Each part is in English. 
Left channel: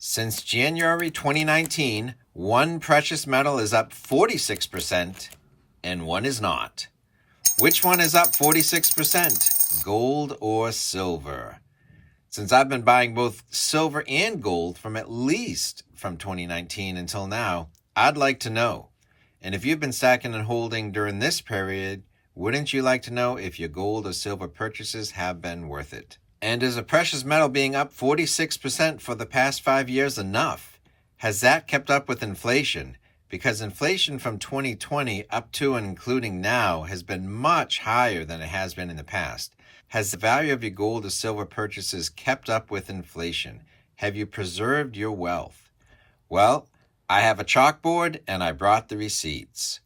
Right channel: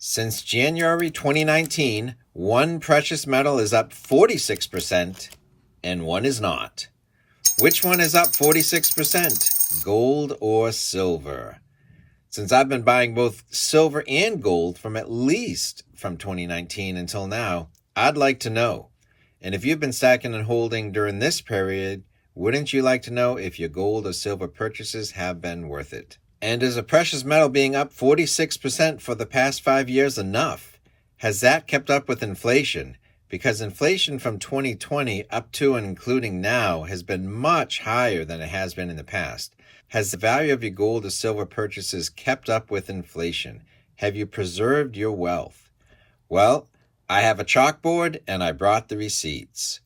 Since January 2019, one precious metal is up 46% and one is not. Which one is up 46%, gold or silver? Since I've been buying both silver and gold from 2019 until now, I'd like to know. And if you've been stacking and holding during this period, wouldn't you like to know if your gold or silver purchases have been worth it? And is a precious metal being up 46% for the past 5 years enough? Has that kept up with inflation? Because inflation from 2020 up to and including now has been much higher than it has been in the past. Has the value of your gold or silver purchases kept up with inflation? Have you preserved your wealth? Well, I have a chalkboard and I brought the receipts.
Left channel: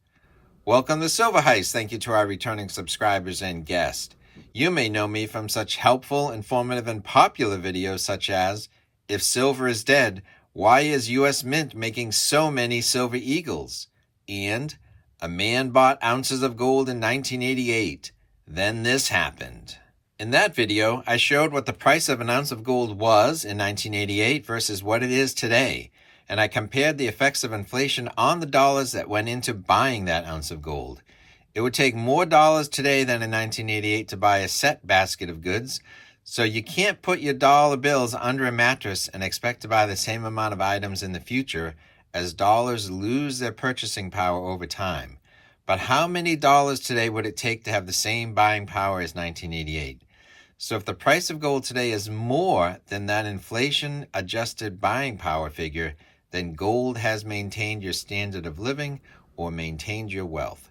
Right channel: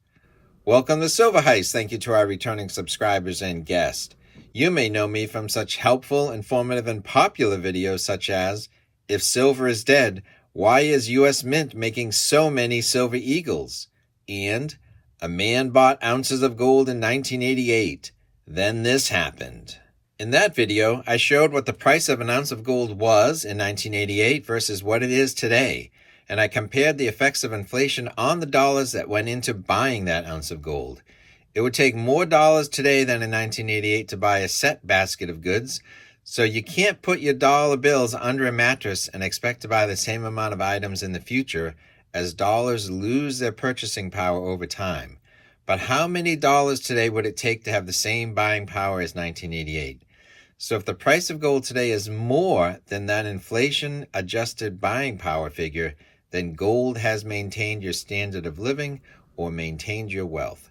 Welcome to Silver Heist. Thank you to our returning subscribers and guests. You may know me from such helpful, informative, and popular videos such as, If Silver is Dead, Why is US Mint making so many silver eagles? And, A man bought ounces of gold in 1988. Then this happened. In that video, I showed what the price of an ounce of gold was in 1988 versus what it is today, and I compared the effects of inflation on the dollars that went into buying that ounce of gold. It would take more dollars today than in 1988 to buy a set basket of goods, so you can't put your dollar bills under a mattress and expect to buy the same amount of items in the future as dollars lose their purchasing power over time. But how many dollars today would it take to have the same buying power as 1988? So if the price of gold today is more than that inflation-adjusted buying power figure, then gold has maintained your standard of living or maintained your wealth.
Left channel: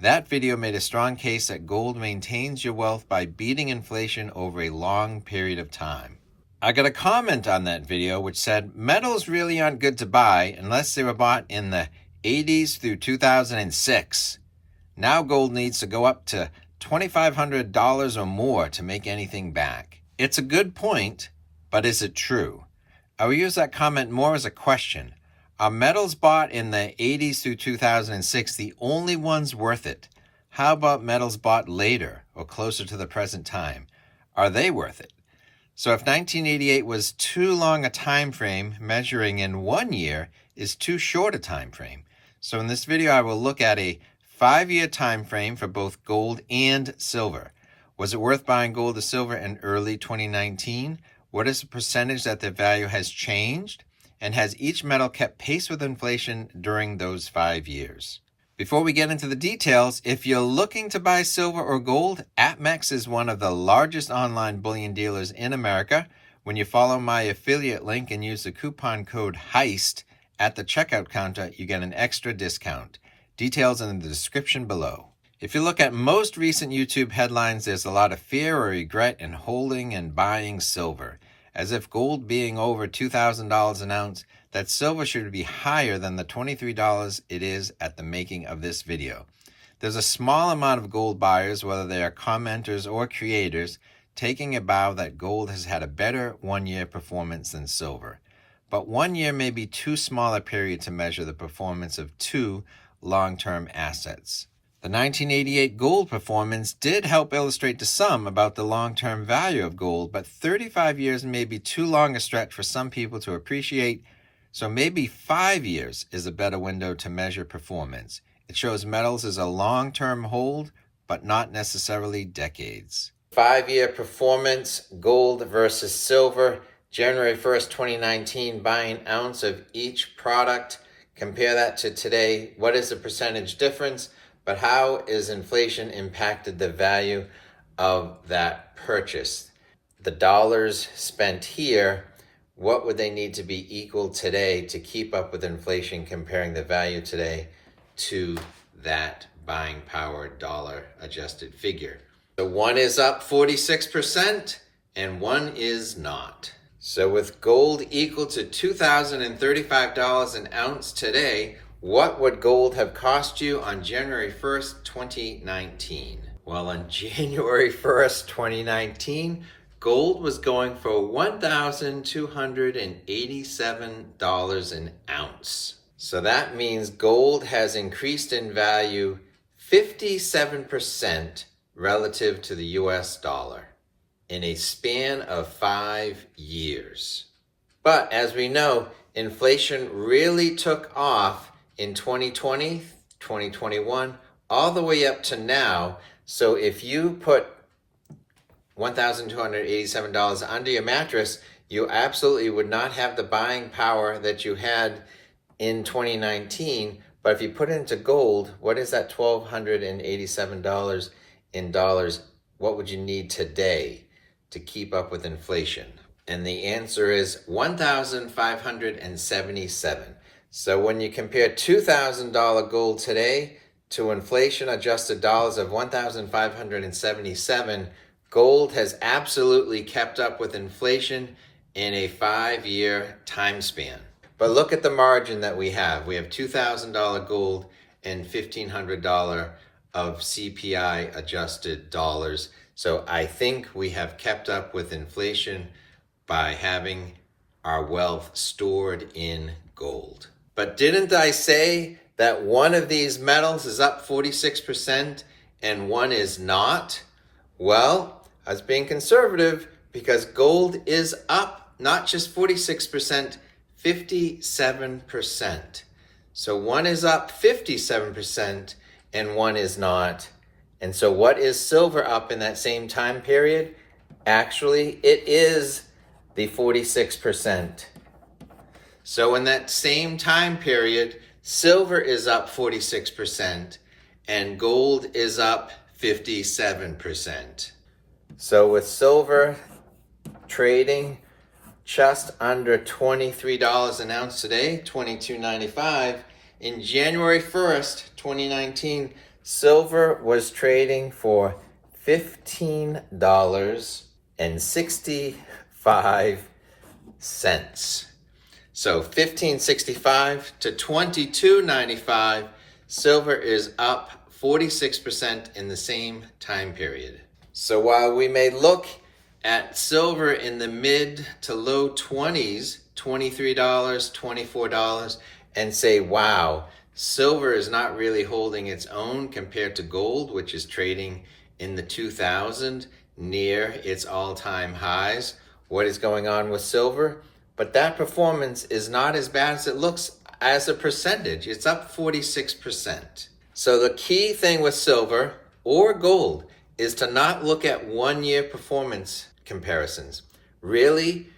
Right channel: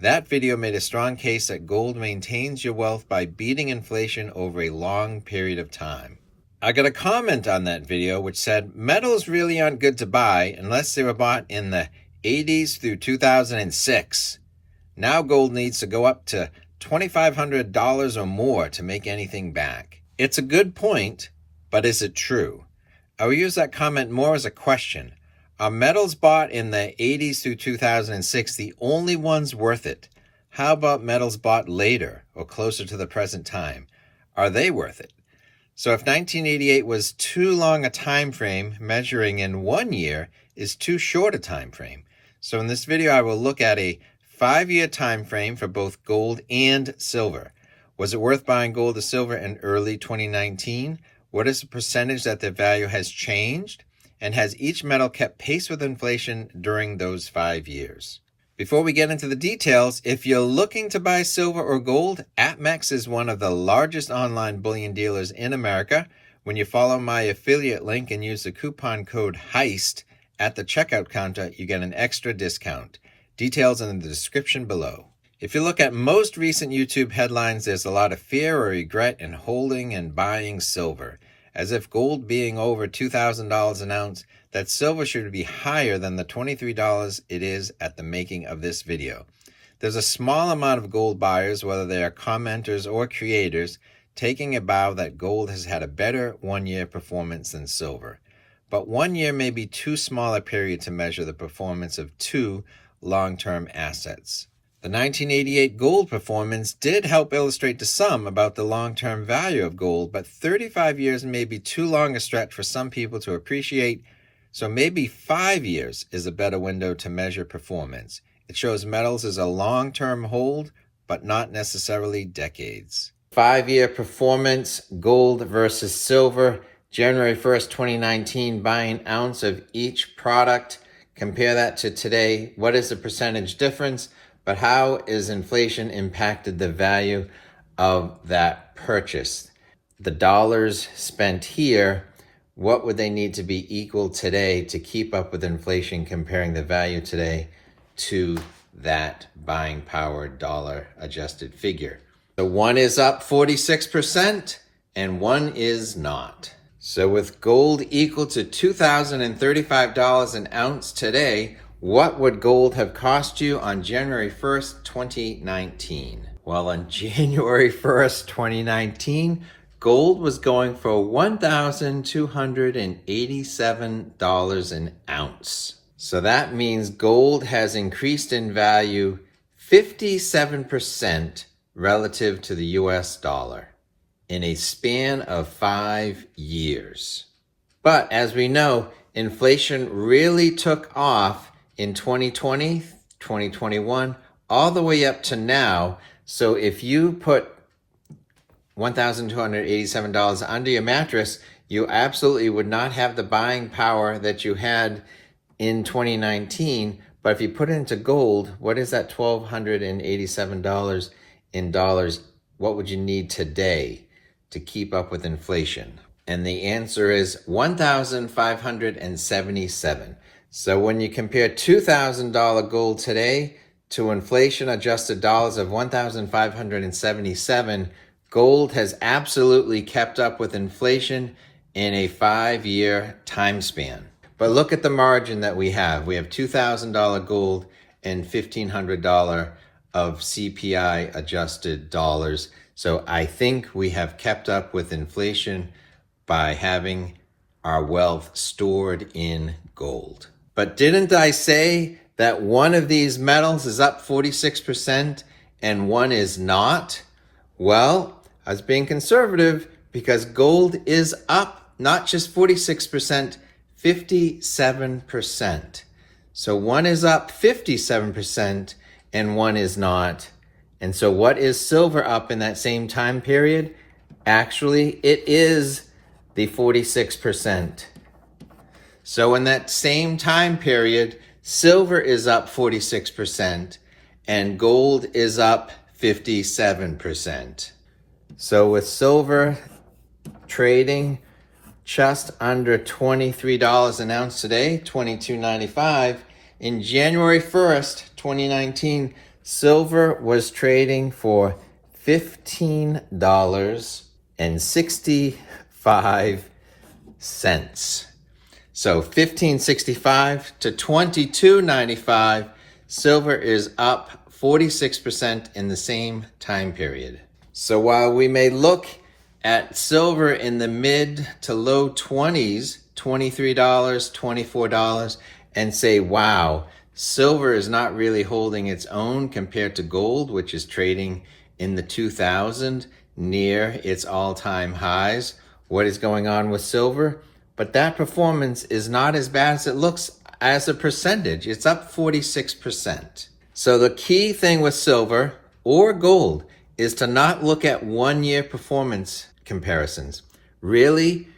That video made a strong case that gold maintains your wealth by beating inflation over a long period of time. I got a comment on that video which said, metals really aren't good to buy unless they were bought in the 80s through 2006. Now gold needs to go up to $2,500 or more to make anything back. It's a good point, but is it true? I will use that comment more as a question. Are metals bought in the 80s through 2006 the only ones worth it? How about metals bought later or closer to the present time? Are they worth it? So if 1988 was too long a time frame, measuring in 1 year is too short a time frame. So in this video, I will look at a 5-year time frame for both gold and silver. Was it worth buying gold or silver in early 2019? What is the percentage that their value has changed? And has each metal kept pace with inflation during those 5 years? Before we get into the details, if you're looking to buy silver or gold, APMEX is one of the largest online bullion dealers in America. When you follow my affiliate link and use the coupon code Heist at the checkout counter, you get an extra discount. Details in the description below. If you look at most recent YouTube headlines, there's a lot of fear or regret in holding and buying silver. As if gold being over $2,000 an ounce, that silver should be higher than the $23 it is at the making of this video. There's a small amount of gold buyers, whether they are commenters or creators, taking a bow that gold has had a better 1-year performance than silver. But 1 year may be too small a period to measure the performance of two long-term assets. The 1988 gold performance did help illustrate to some about the long-term value of gold, but 35 years may be too long a stretch for some people to appreciate, so maybe 5 years is a better window to measure performance. It shows metals as a long-term hold, but not necessarily decades. 5-year performance, gold versus silver, January 1st, 2019, buy an ounce of each product. Compare that to today. What is the percentage difference? But how is inflation impacted the value of that purchase? The dollars spent here, what would they need to be equal today to keep up with inflation, comparing the value today to that buying power dollar adjusted figure? So one is up 46% and one is not. So with gold equal to $2,035 an ounce today, what would gold have cost you on January 1st, 2019? Well, on January 1st, 2019, gold was going for $1,287 an ounce. So that means gold has increased in value 57% relative to the US dollar in a span of 5 years. But as we know, inflation really took off in 2020, 2021, all the way up to now. So if you put $1,287 under your mattress, you absolutely would not have the buying power that you had in 2019. But if you put it into gold, what is that $1,287 in dollars? What would you need today to keep up with inflation? And the answer is 1,577. So when you compare $2,000 gold today to inflation adjusted dollars of 1,577, gold has absolutely kept up with inflation in a 5-year time span. But look at the margin that we have. We have $2,000 gold and $1,500 of CPI adjusted dollars. So I think we have kept up with inflation by having our wealth stored in gold. But didn't I say that one of these metals is up 46% and one is not? Well, I was being conservative because gold is up not just 46%, 57%. So one is up 57% and one is not. And so what is silver up in that same time period? Actually, it is the 46%. So in that same time period, silver is up 46% and gold is up 57%. So with silver trading just under $23 an ounce today, $22.95, in January 1st, 2019, silver was trading for $15.65. So $15.65 to $22.95, silver is up 46% in the same time period. So while we may look at silver in the mid to low 20s, $23, $24, and say, wow, silver is not really holding its own compared to gold, which is trading in the 2000 near its all-time highs. What is going on with silver? But that performance is not as bad as it looks as a percentage. It's up 46%. So the key thing with silver or gold is to not look at 1-year performance comparisons. Really,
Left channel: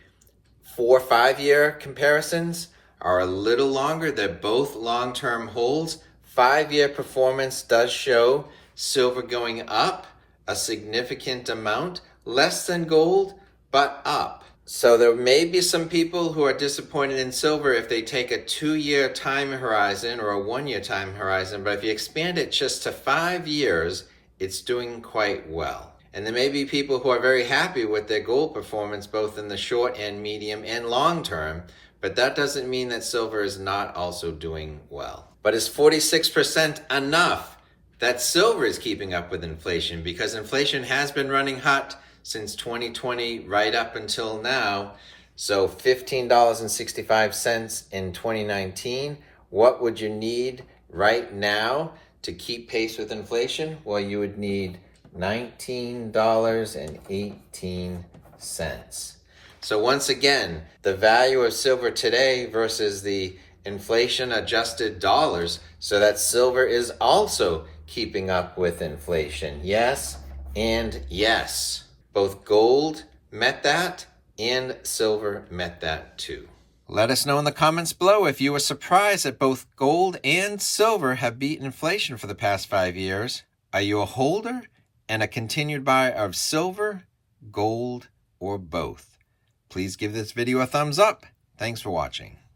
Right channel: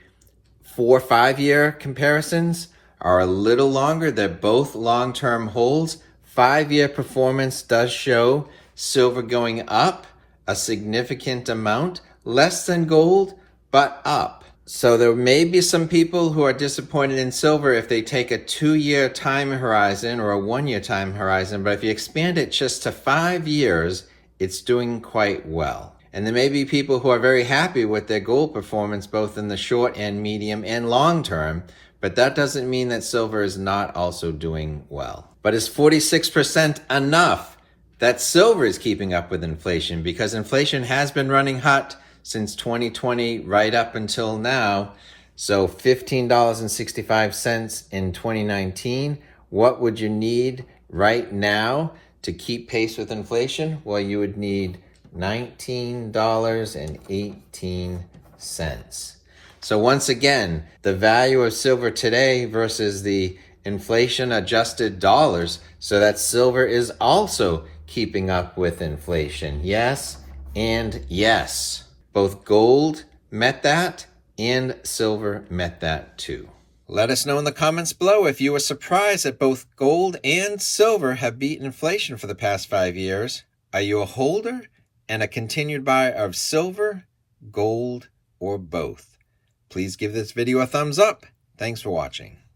4 or 5-year comparisons are a little longer. They're both long-term holds. 5-year performance does show silver going up a significant amount, less than gold, but up. So there may be some people who are disappointed in silver if they take a 2-year time horizon or a 1-year time horizon, but if you expand it just to 5 years, it's doing quite well. And there may be people who are very happy with their gold performance, both in the short and medium and long term, but that doesn't mean that silver is not also doing well. But is 46% enough that silver is keeping up with inflation? Because inflation has been running hot since 2020 right up until now. So $15.65 in 2019. What would you need right now to keep pace with inflation? Well, you would need $19.18. So once again, the value of silver today versus the inflation adjusted dollars, so that silver is also keeping up with inflation. Yes and yes. Both gold met that and silver met that too. Let us know in the comments below if you were surprised that both gold and silver have beaten inflation for the past 5 years. Are you a holder and a continued buyer of silver, gold, or both? Please give this video a thumbs up. Thanks for watching.